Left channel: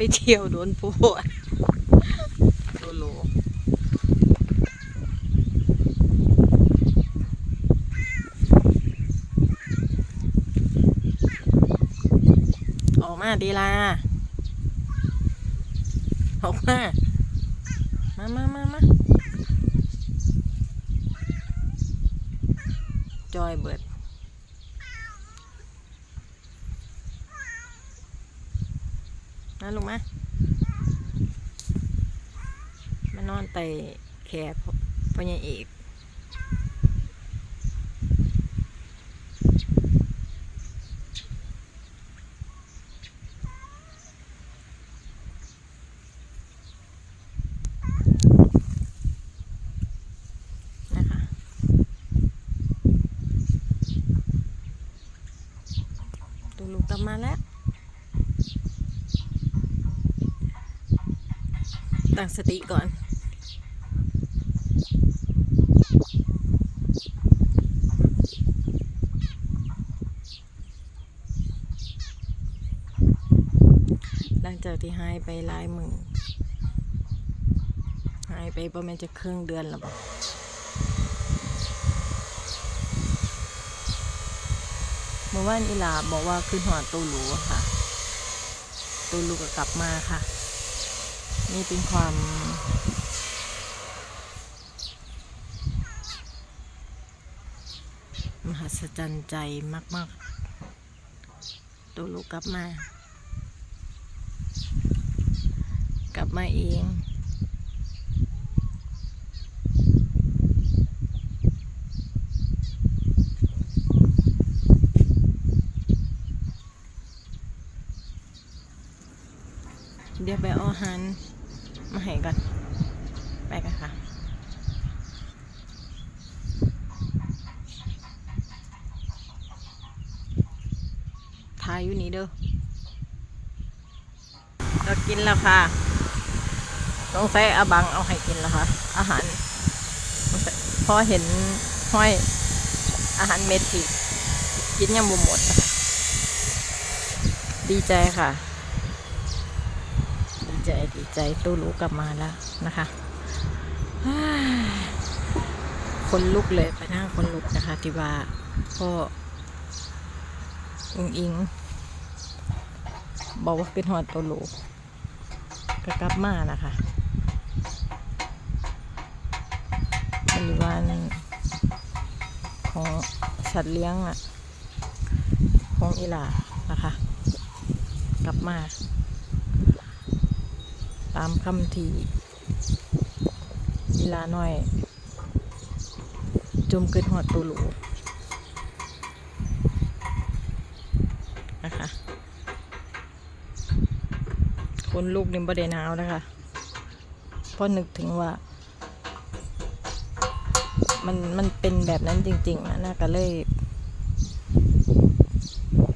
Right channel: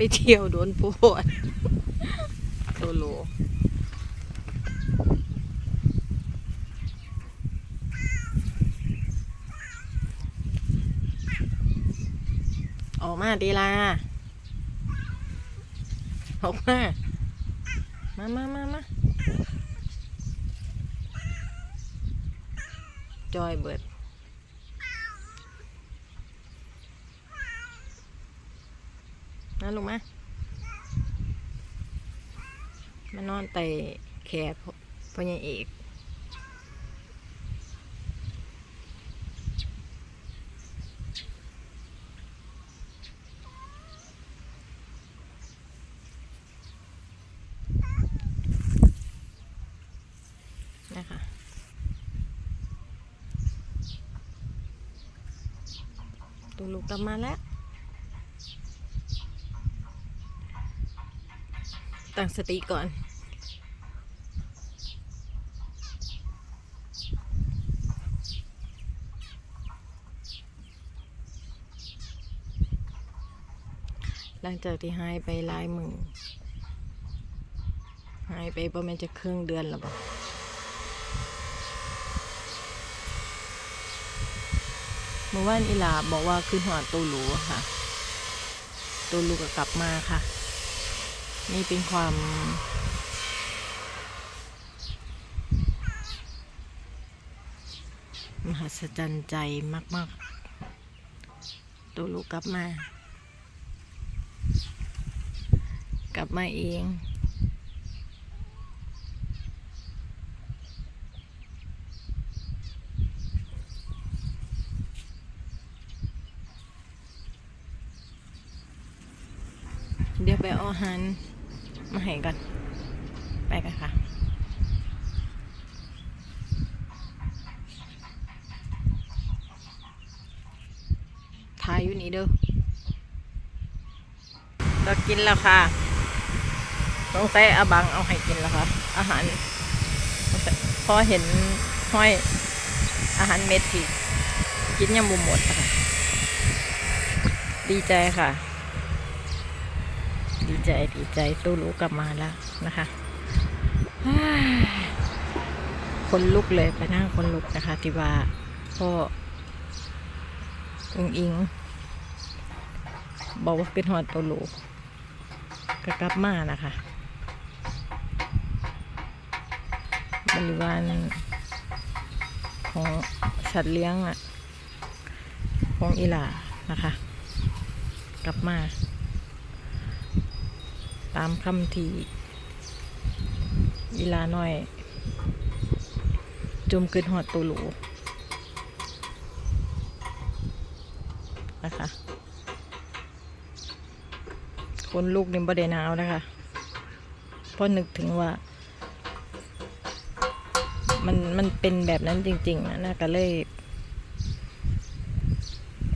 ไปเที่ยวโดนปวดโลโลออกมาดีลาออกมา มามามามาจอยเบิด นั่นลงมา มานอนไตแขนพ่อพ่อใหญ่เอกนะคะตูลูกกลับมาแล้ว ตั้งสติก่อน หลังจากที่หายไปหลายมือหายไปประมาณจะครึ่งเดือนแล้วบอกเมื่อวานอีลาบอกว่าขึ้นหอดตูหลูค่ะตูหลูก็กลับมาค่ะ นี่เป็นความมหัศจรรย์ใจมาก ๆ ตัวลูกกลับมา กลับมาเอง เดี๋ยวไปอาอหารมา ให้กันไปกันค่ะทายอยู่นี่เด้อเรากินแล้วค่ะต้องใส่อาบังเอาให้กินแล้วค่ะ อาหารพอเห็นห้อยอาหารเม็ดที่กินยังบ่หมดนะคะดีใจค่ะ ใจดีใจตู้รู้กลับมาแล้วนะคะคนลุกเลยไปนั่งคนลุกนะคะ ที่ว่าพ่อองอิง บอกว่าเป็นหอดตัวลูกก็กลับมานะคะบริวารของสัตว์เลี้ยงอะของอีหลานะคะ กลับมา ตามคำที่อีลาน้อย จมเกิดหอดตัวหลูนะคะ คนลูกนี่บ่ได้หนาวนะคะเพราะนึกถึงว่า มันมันเป็นแบบนั้นจริง ๆ นะน่าก็เลย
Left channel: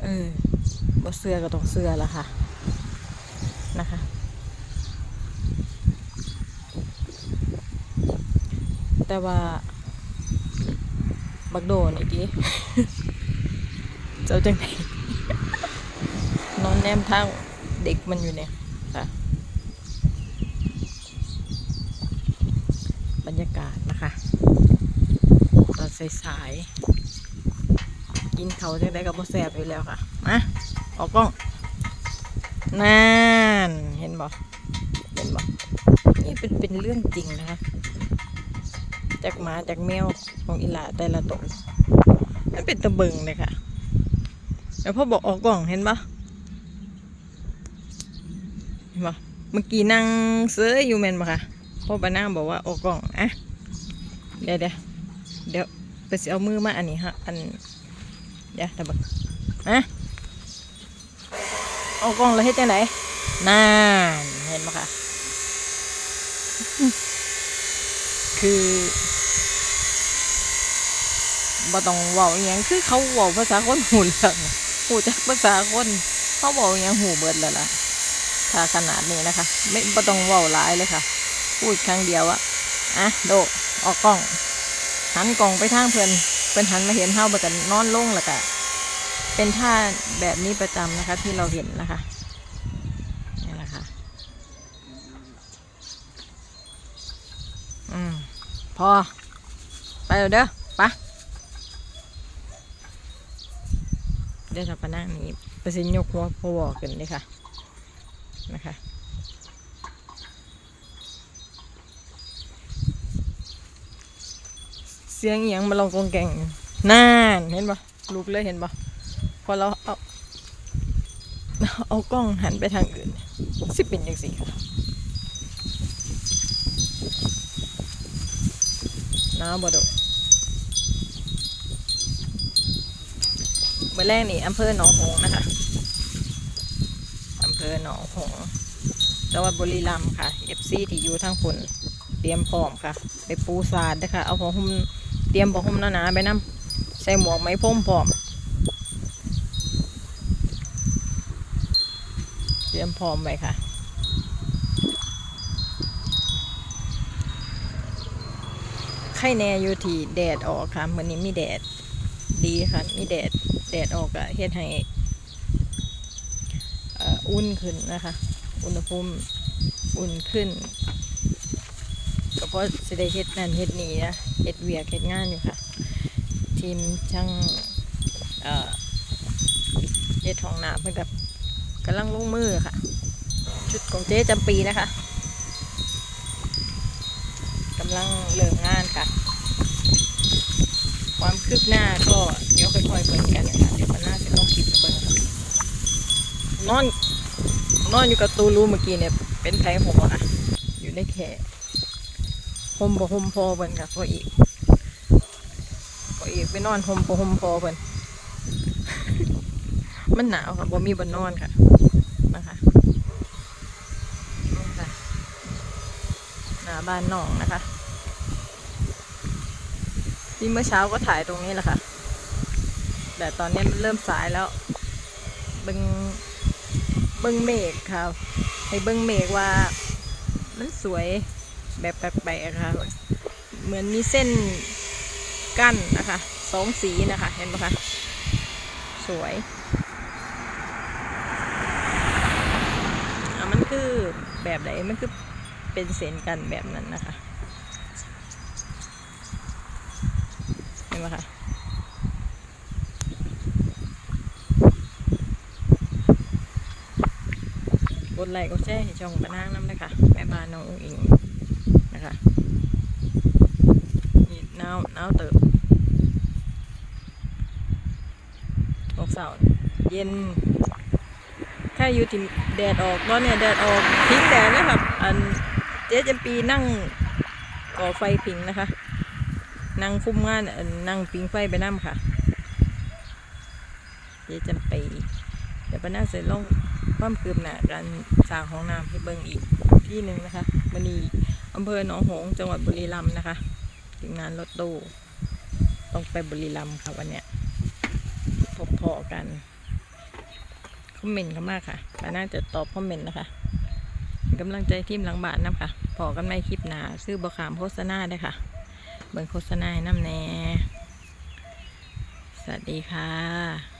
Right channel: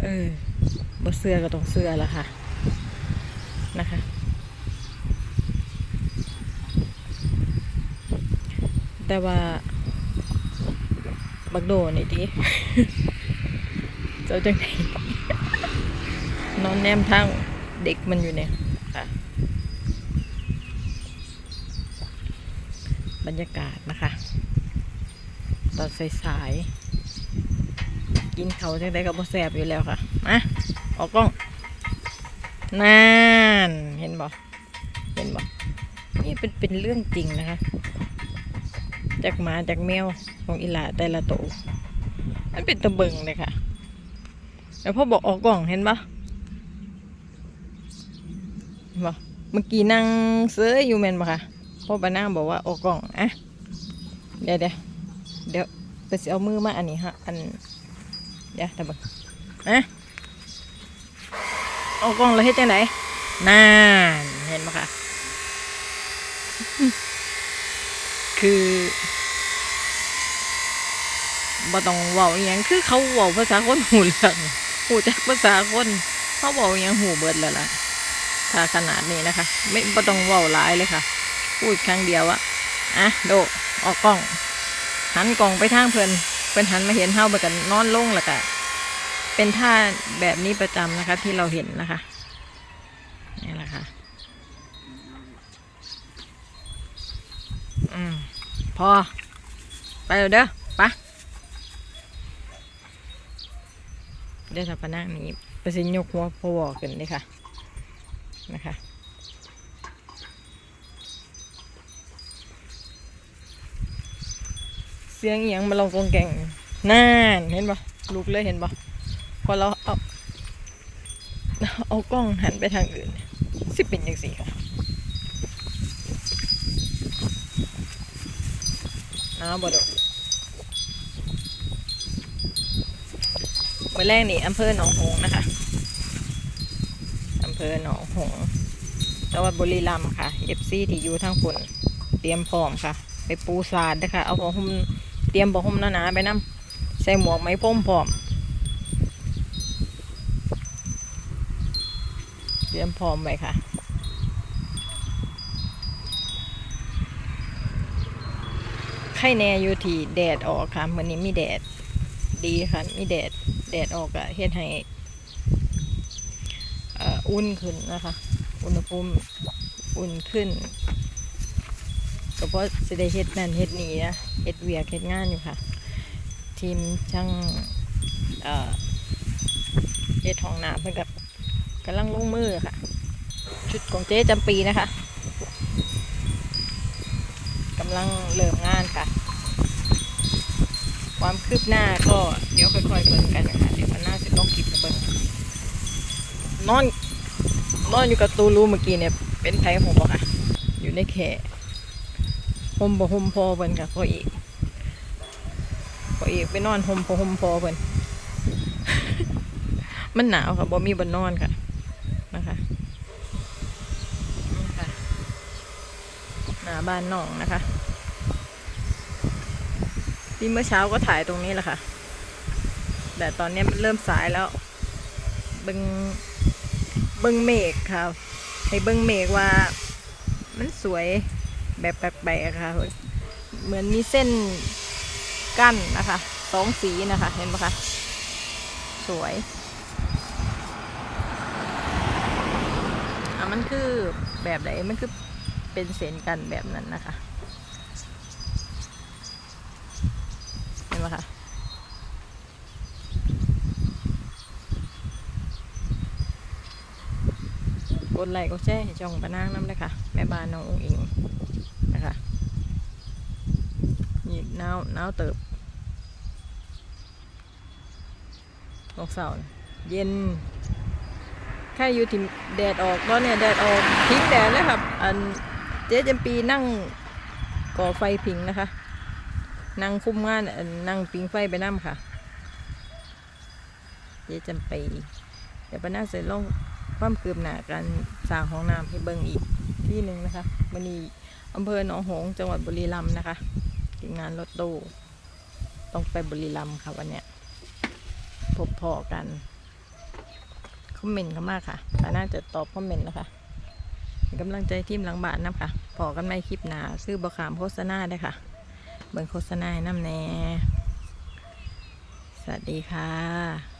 เออบ่เสื้อก็ต้องเสื้อละค่ะนะคะ แต่ว่า บักโดนี่ดิเจ้าจังไหนนอนแนมทางเด็กมันอยู่เนี่ยค่ะ บรรยากาศนะคะ ตอนสายๆกินเขาจังได้กับบ่แสบอยู่แล้วค่ะมาออกกล้องนั่นเห็นบ่เห็นบ่นี่เป็นเป็นเรื่องจริงนะคะ จากหมาจากแมวของอีหลาแต่ละตัวมันเป็นตะเบิงเลยค่ะ แล้วพ่อบอกออกกล่องเห็นปะเห็นปะเมื่อกี้นั่งเสื้ออยู่แมนปะค่ะพ่อปานั่งบอกว่าออกกล่องอะเดี๋ยวเดี๋ยวเดี๋ยวไปสิเอามือมาอันนี้ฮะอันเดี๋ยวตะเบิงอะออกกล่องแล้วเฮ็ดจังไหนนั่นเห็นปะค่ะคือ บ่ต้องเว้าอีหยงคือเขาเว้าภาษาคนหูเรื่องหูจักภาษาคนเขาเว้าอีหยงหูเบิดแล้วล่ะถ้าขนาดนี้นะคะ ไม่บ่ต้องเว้าหลายเลยค่ะ พูดครั้งเดียวอะอะโดออกกล้อง หันกล้องไปทางเพื่อนเพิ่นหันมาเห็นเท่าเบิดกันนอนลงแล้วกะเป็นท่าแบบนี้ประจำนะคะ ที่เราเห็นนะคะนี่แหละค่ะอืมพอ ไปเด้อไป เดี๋ยวจะไปนั่งนี้ไปสิยกหัวพวอขึ้นเลยค่ะนะคะเสียงเอียงมาลองกองแกงน่านเห็นปะลุกเลยเห็นปะพอเราเอาเอากล้องหันไปทางอื่นสิเป็นยังสี่ค่ะน้าบไดเมื่อแรกนี่อำเภอหนองหงนะคะอำเภอหนองหงจังหวัดบุรีรัมย์ค่ะ FC ที่อยู่ทางฝุ่นเตรียมพร้อมค่ะ ไปปูสาดนะคะเอาผ้าห่มเตรียมผ้าห่มหนาๆไปนํใส่หมวกไหมพรมพร้อม เตรียมพร้อมไว้ค่ะไข่แน่อยู่ที่แดดออกค่ะวันนี้มีแดดดีค่ะ มีแดด แดดออกอะเฮ็ดให้อุ่นขึ้นนะคะ อุณหภูมิอุ่นขึ้น ก็เพราะสิได้เฮ็ดนั่นเฮ็ดนี่นะเฮ็ดเวียกเฮ็ดงานอยู่ค่ะ ทีมช่างเฮ็ดห้องน้ำเพิ่นกับกำลังลงมือค่ะ ชุดของเจ๊จำปีนะคะกำลังเริ่มงานค่ะ ความคืบหน้าก็เดี๋ยวค่อยๆเบิ่งกันนะคะเดี๋ยวมันน่าจะต้องคลิปให้เบิ่งนอนนอนอยู่กับตูรูเมื่อกี้เนี่ย เป็นไผผมอะค่ะ อยู่ในแค่ห่มบ่ห่มพอเบิ่นค่ะพออีกพออีกไปนอนห่มบ่ห่มพอเบิ่นมันหนาวค่ะบ่มีบนนอนค่ะนะคะนี่ค่ะหน้าบ้านน้องนะคะ ที่เมื่อเช้าก็ถ่ายตรงนี้แหละค่ะ แต่ตอนนี้มันเริ่มสายแล้ว เบิงเบิงเมฆค่ะ ให้เบิงเมฆว่า มันสวยแบบแปลกๆค่ะ เหมือนมีเส้นกั้นนะคะสองสีนะคะ เห็นไหมคะ สวยอะมันคือแบบไหนมันคือเป็นเส้นกันแบบนั้นนะคะ เห็นไหมคะกดไลค์กดแชร์ให้ช่องปะนางน้ำเลยค่ะแม่บ้านน้ององอิงนะคะนี่หนาวหนาวเติบออกเสาร์เย็นแค่อยู่ที่แดดออกตอนนี้แดดออกพิงแดดนะครับ อันเจ๊จำปีนั่งก่อไฟพิงนะคะ นั่งคุ้มงานนั่งพิงไฟไปน้ำค่ะเจ๊จำปีเดี๋ยวปะนาเสร็จลงความคืบหน้าการสร้างห้องน้ำให้เบิ่งอีกที่หนึ่งนะคะวันนีอำเภอหนองหงส์จังหวัดบุรีรัมย์นะคะทีมงานรถตู้ต้องไปบุรีรัมย์ค่ะวันเนี้ยพบพอกันคอมเมนต์กันมากค่ะปน่าจะตอบคอมเมนต์นะคะกำลังใจทีมหลังบ้านน้ำค่ะพอกันในคลิปหนาซื้อบะขามโฆษณาได้ค่ะ เบิ่งโฆษณาให้น้ำแน่ สวัสดีค่ะ